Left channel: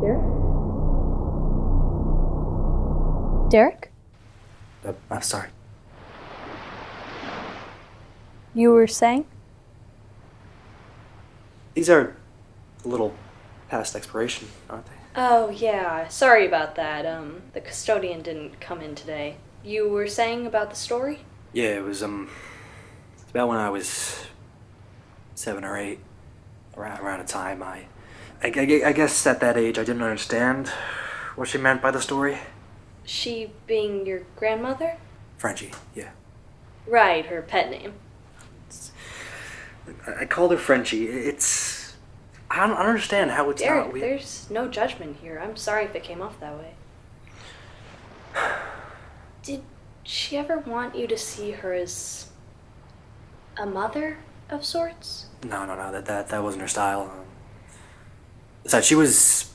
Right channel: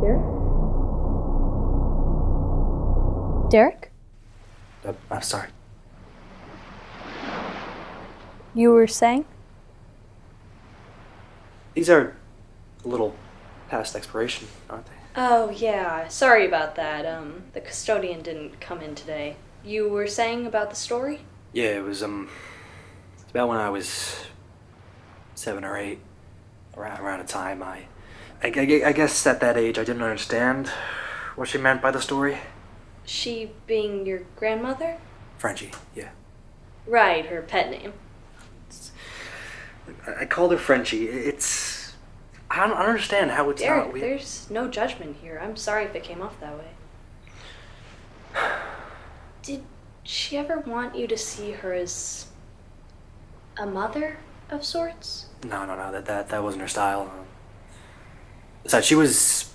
Derek? I'm sorry. These are a little past expiration, aren't they? Oh, yeah. Sorry about that. The custodian didn't come in today. You were saying about the story? Yeah, it's about when I was 7 or 8, around a time I guess at that age I didn't understand what she meant by the story. She being your grandmother? Frenchie, yeah. Right, her pet name. I called her Frenchie. I don't understand how it's Derek, not weird. there's no judgment here. I'm sorry if it came off that way. Did she ever want you to see her as a mother of sorts? No. That wasn't her style. Besides, she was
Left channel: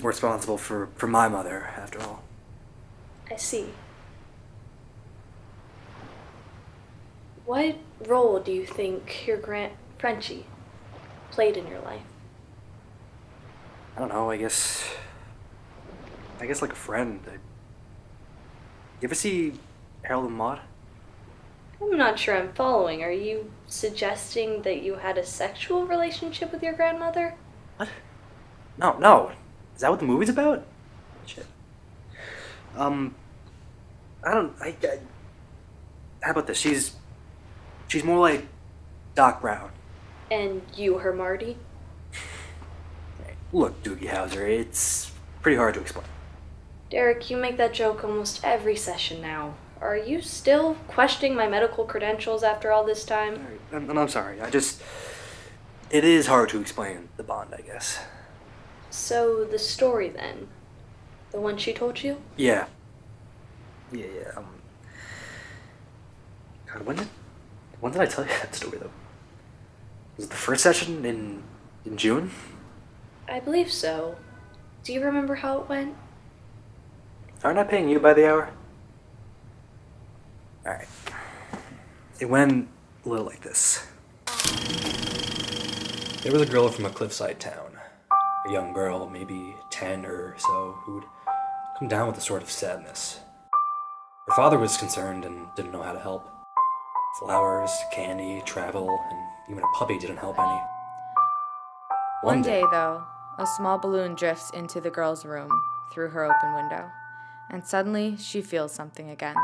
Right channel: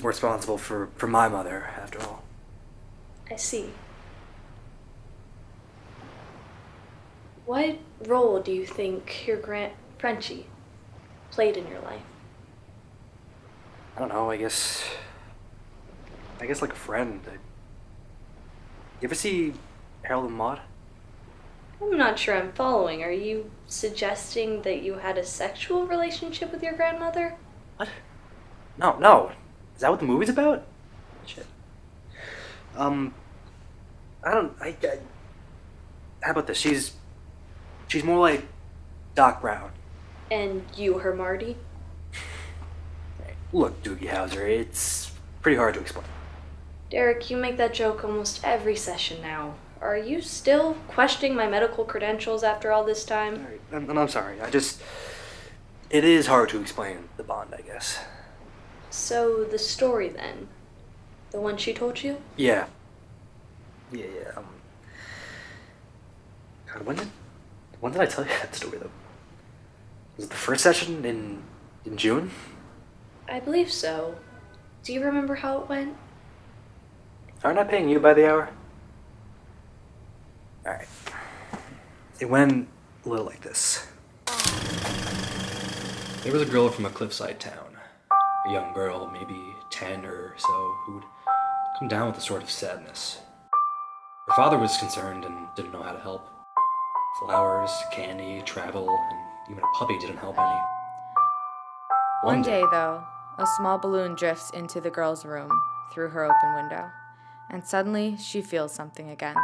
more responsible for my mother, after all. I see. What role do you think your Frenchie played in your life? I don't know. I guess like a friend. You ever see Harold and Maude? I'm not sure I'm following. Are you suggesting that you had a sexual relationship with your grandmother? What? No. Is that what the movie's about? Shit. Um, I don't. How about this? She's more like Doc Brown. And you her Marty? Hey, look, Doogie Howser, it's pretty hard to explain. Derek, you make that joke almost every session now. Are you still questioning my medical credentials after all this time? All right, and I'm sorry. It is hard to explain the bond, I guess. So, the story then? The one she told you? Yeah. God, when did I tell you that story though? Was it the first session in June? I believe so. Do you remember how it went? Aren't I paying you by the hour? All right. It went a little like this. There was a girl from a cliffside town, a young girl, maybe 10 or so, who'd come down with a sort of sadness. Her father was concerned and didn't know how to help. Flowers, candy, travel, and even a puppy didn't help any. One day, though, a small balloon drifts into the girl's room through her open window, and suddenly she feels something again.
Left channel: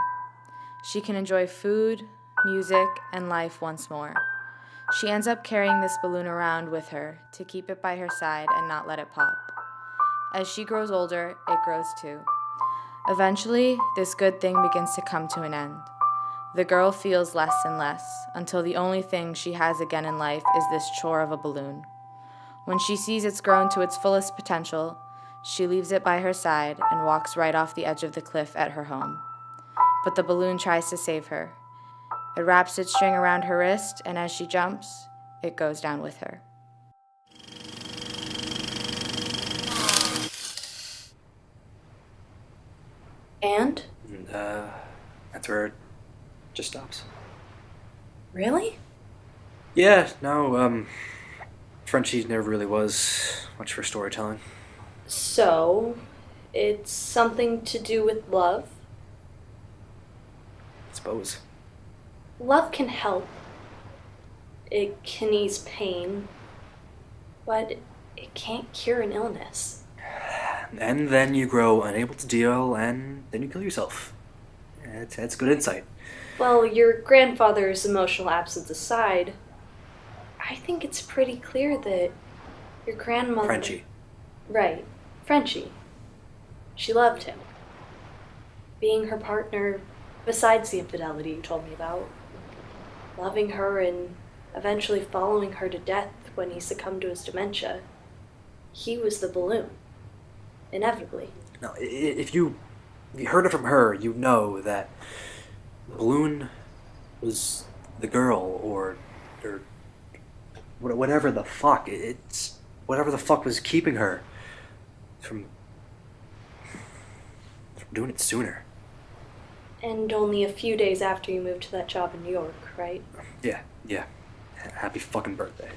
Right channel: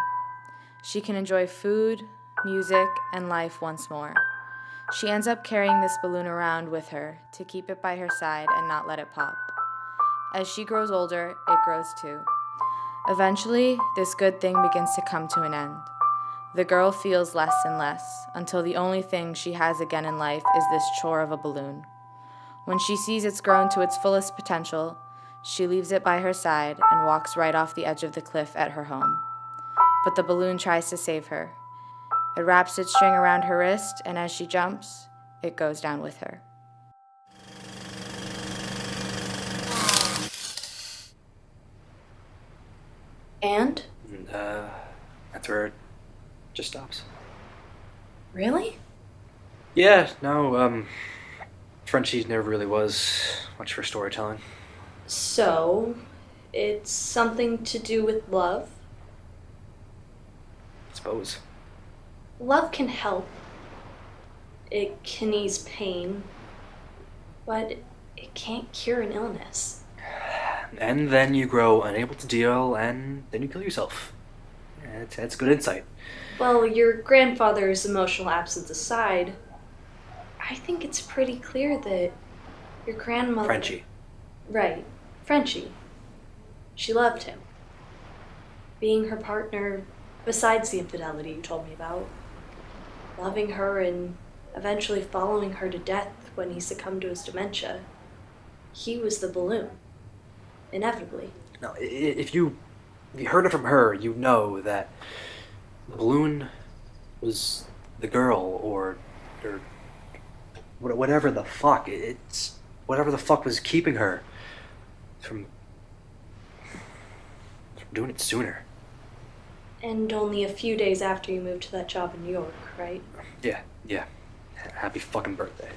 She can enjoy food, music, and life once more. She ends up carrying this balloon around with her to keep it by her side and not let it pop. As she grows older, it grows too. Eventually, this good thing begins to come to an end. The girl feels less and less, until the only thing she has again in life is this chore of a balloon. When she sees it's grown to its fullest potential, she leaves it by her side and walks right off the edge of the cliff at her home. But the balloon tries to save her. It wraps its string around her wrist, and as she jumps, it goes down with her. And? And, that's where it just stops. Really? Yeah, no, Frenchie never really was much for storytelling. So, it's something to do with love? I suppose. Love can help. It can ease pain. But it can't cure an illness. And then you grow unable to deal, and then you kill yourself. Yeah, that's good insight. Well, your grandfather's emotional absence aside, I think it's pretty clear that your grandmother... Frenchie. Right. Frenchie. She loved him. Being her partner, besides the infidelity you told me about. Loving her and eventually following her to death when he succumbed to his dementia. He was the balloon. Inevitably. Now, if you heard it from her, you know that the balloon was the girl, or whatever the fuck. It's whatever the fuck was keeping her from doing it sooner. And only a few days after you moved to that job in New York, right? Yeah. Happy fucking birthday.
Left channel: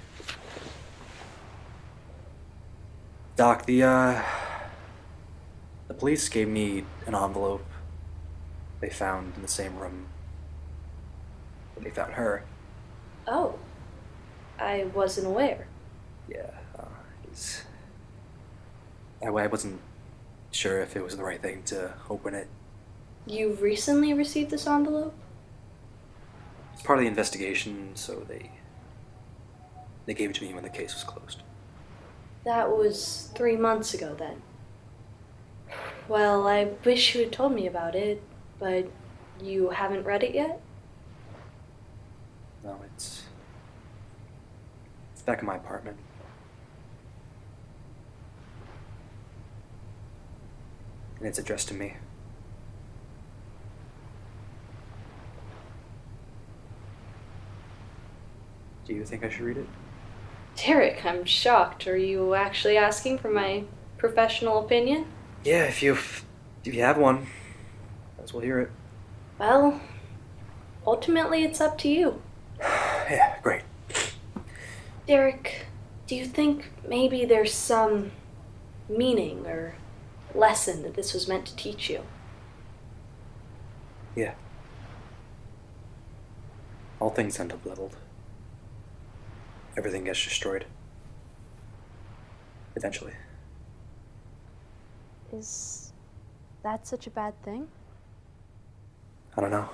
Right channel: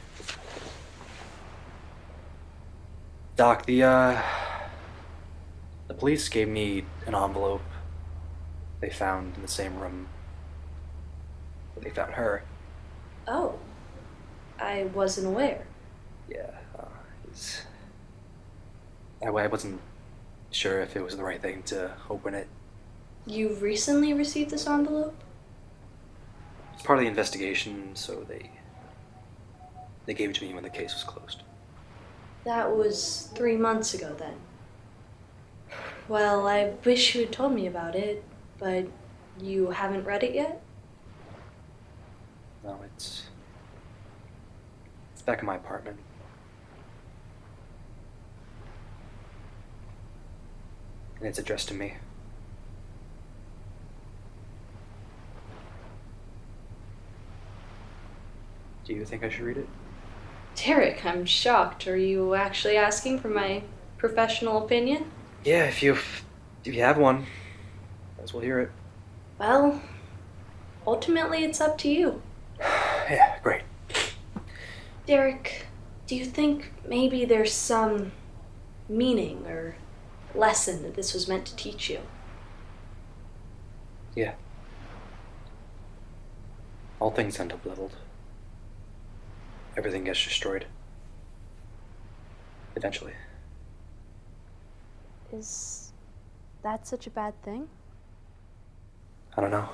Doc, the police gave me an envelope they found in the same room where they found her. Oh, I wasn't aware. Yeah, it's, I wasn't sure if it was the right thing to open it. You recently received this envelope? It's part of the investigation, so they gave it to me when the case was closed. That was 3 months ago then. Well, I wish you had told me about it, but you haven't read it yet? No, it's back in my apartment. And it's addressed to me. Do you think I should read it? Derek, I'm shocked. Are you actually asking for my professional opinion? Yeah, if you have one, might as well hear it. Well, ultimately it's up to you. Yeah, great. Derek, do you think maybe there's some meaning or lesson that this was meant to teach you? Yeah. All things end up leveled. Everything gets destroyed. Eventually. I don't know.